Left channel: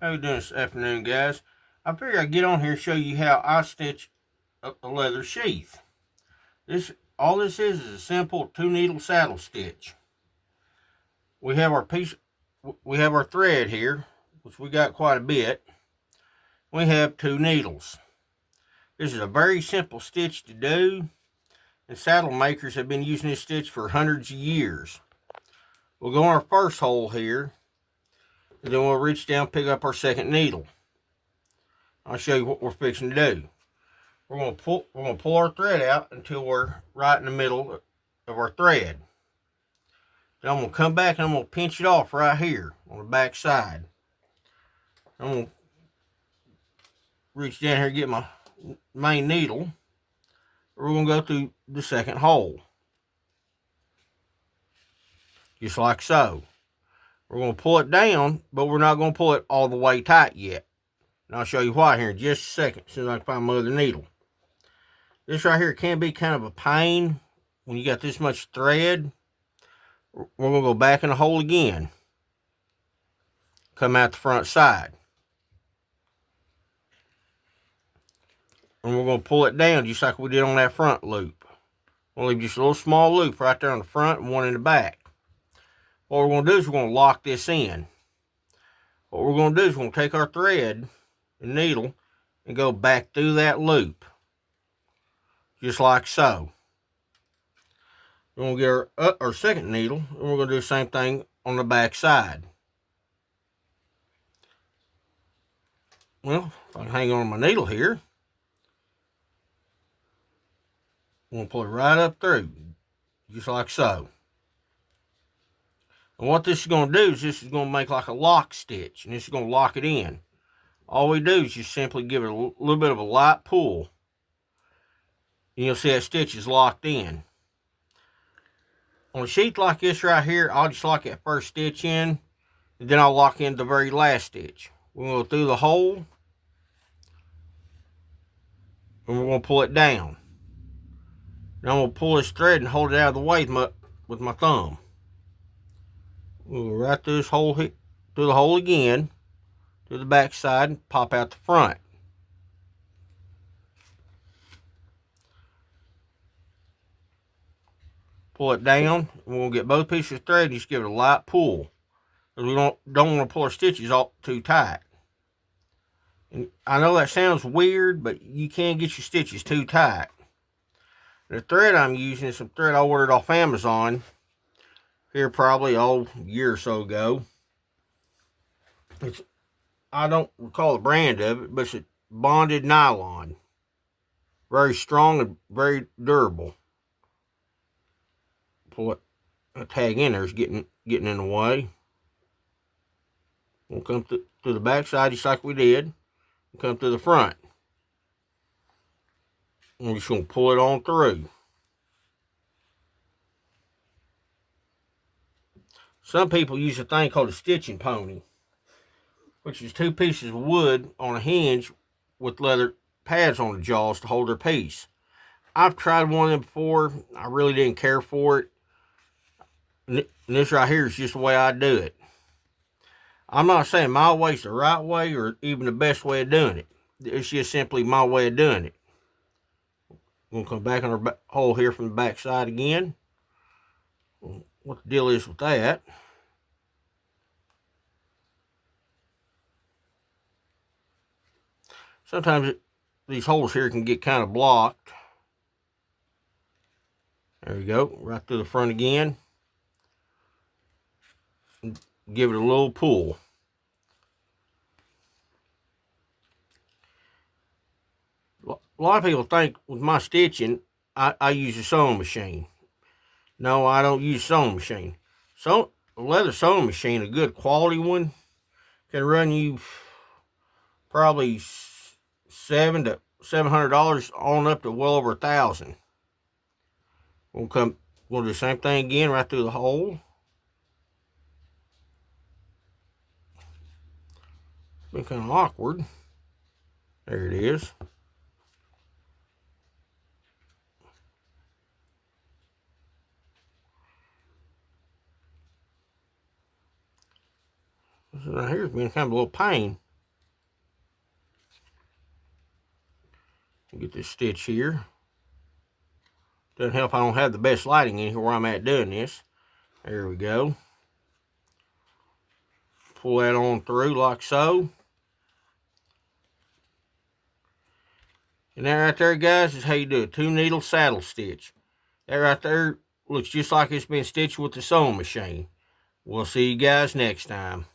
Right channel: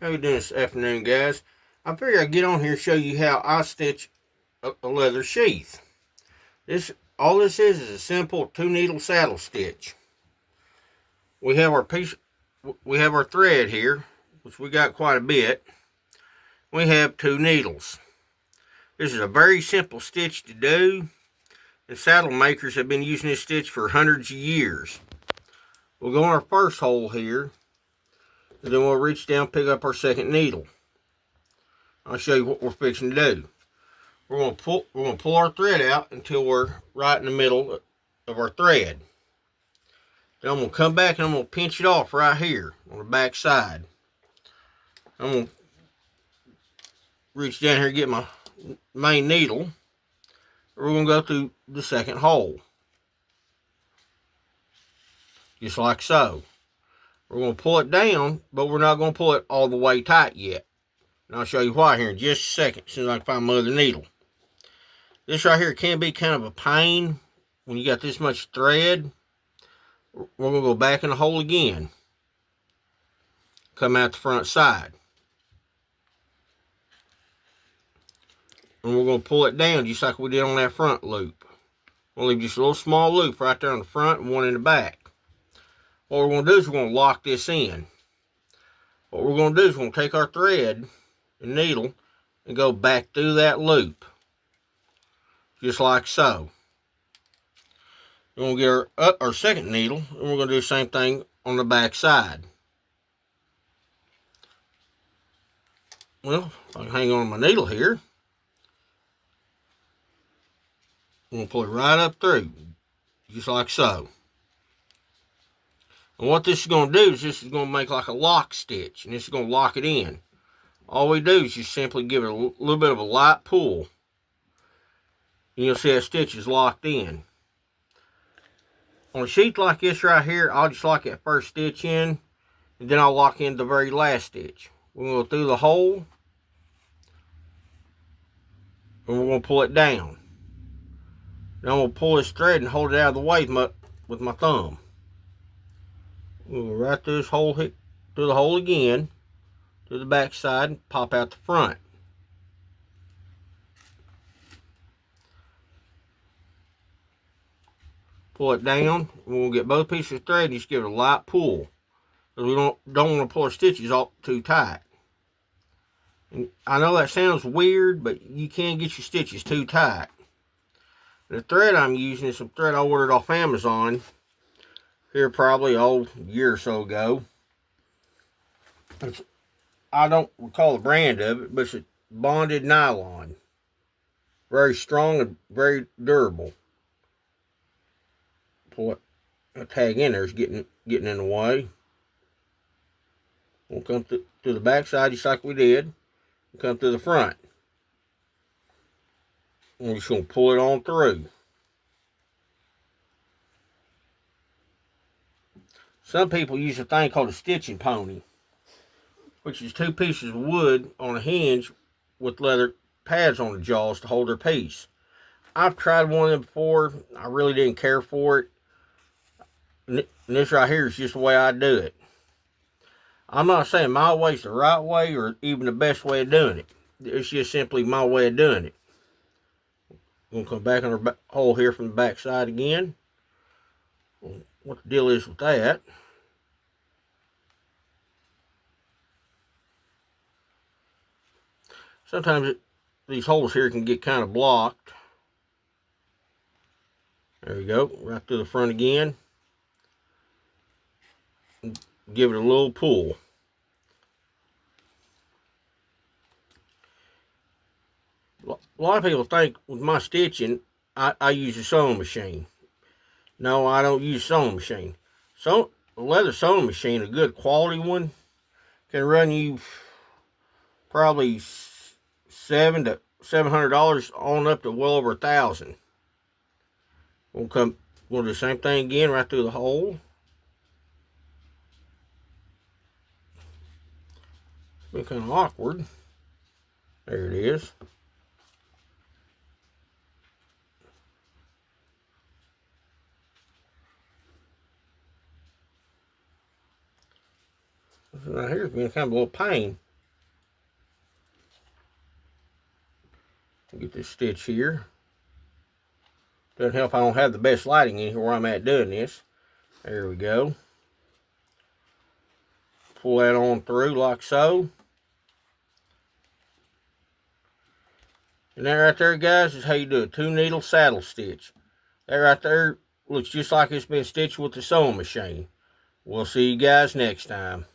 How you doing this afternoon, guys? I figured I'd get on here and show you how I stitch a leather sheath. All this is a simple 2 needle saddle stitch. We have our we have our thread here, which we got quite a bit. We have 2 needles. This is a very simple stitch to do, and saddle makers have been using this stitch for hundreds of years. We'll go on our first hole here, and then we'll reach down and pick up our second needle. I'll show you what we're fixing to do. We're gonna pull our thread out until we're right in the middle of our thread. Then I'm gonna come back and I'm gonna pinch it off right here on the back side. I'm gonna reach down here and get my main needle. We're gonna go through the second hole, just like so. We're gonna pull it down, but we're not gonna pull it all the way tight yet. And I'll show you why here in just a second, as soon as I can find my other needle. This right here can be kind of a pain when you got this much thread. We're going to go back in the hole again. Come out the front side. And we're going to pull it down just like we did on that front loop. We'll leave just a little small loop right there in the front and one in the back. What we're going to do is we're going to lock this in. What we're going to do is we're going to take our thread and needle and go back through that loop. Just like so. We're going to get our second needle, and we're going to do the same thing on the back side. Well, if I can hang on my needle here, I'm going to pull it right up through, just like so. And what this is going to do is this is going to make like a lock stitch, and this is going to lock it in. All we do is just simply give it a little bit of a light pull. And you'll see that stitch is locked in. On a sheath like this right here, I'll just lock that first stitch in, and then I'll lock in the very last stitch. We're going to go through the hole, and we're going to pull it down. Now I'm going to pull this thread and hold it out of the way with my thumb. We'll go right through this hole, through the hole again, to the back side, and pop out the front. Pull it down, and we'll get both pieces of thread and just give it a light pull. Because we don't want to pull our stitches all too tight. And I know that sounds weird, but you can get your stitches too tight. The thread I'm using is some thread I ordered off Amazon here probably a year or so ago. I don't recall the brand of it, but it's a bonded nylon. Very strong and very durable. Pull that tag in there is getting in the way. We'll come through the back side just like we did. We'll come to the front. And we're just going to pull it on through. Some people use a thing called a stitching pony, which is 2 pieces of wood on a hinge with leather pads on the jaws to hold their piece. I've tried one of them before. I really didn't care for it. And this right here is just the way I do it. I'm not saying my way is the right way or even the best way of doing it. It's just simply my way of doing it. We'll come back in our hole here from the back side again. What the deal is with that? Sometimes these holes here can get kind of blocked. There you go, right through the front again. Give it a little pull. A lot of people think with my stitching, I use a sewing machine. No, I don't use a sewing machine. So a leather sewing machine, a good quality one, can run you probably $700 on up to well over $1,000. We'll do the same thing again right through the hole. It's kind of awkward. There it is. This right here is being kind of a little pain. Get this stitch here. Doesn't help I don't have the best lighting in here where I'm at doing this. There we go. Pull that on through like so. And that right there, guys, is how you do a 2-needle saddle stitch. That right there looks just like it's been stitched with the sewing machine. We'll see you guys next time.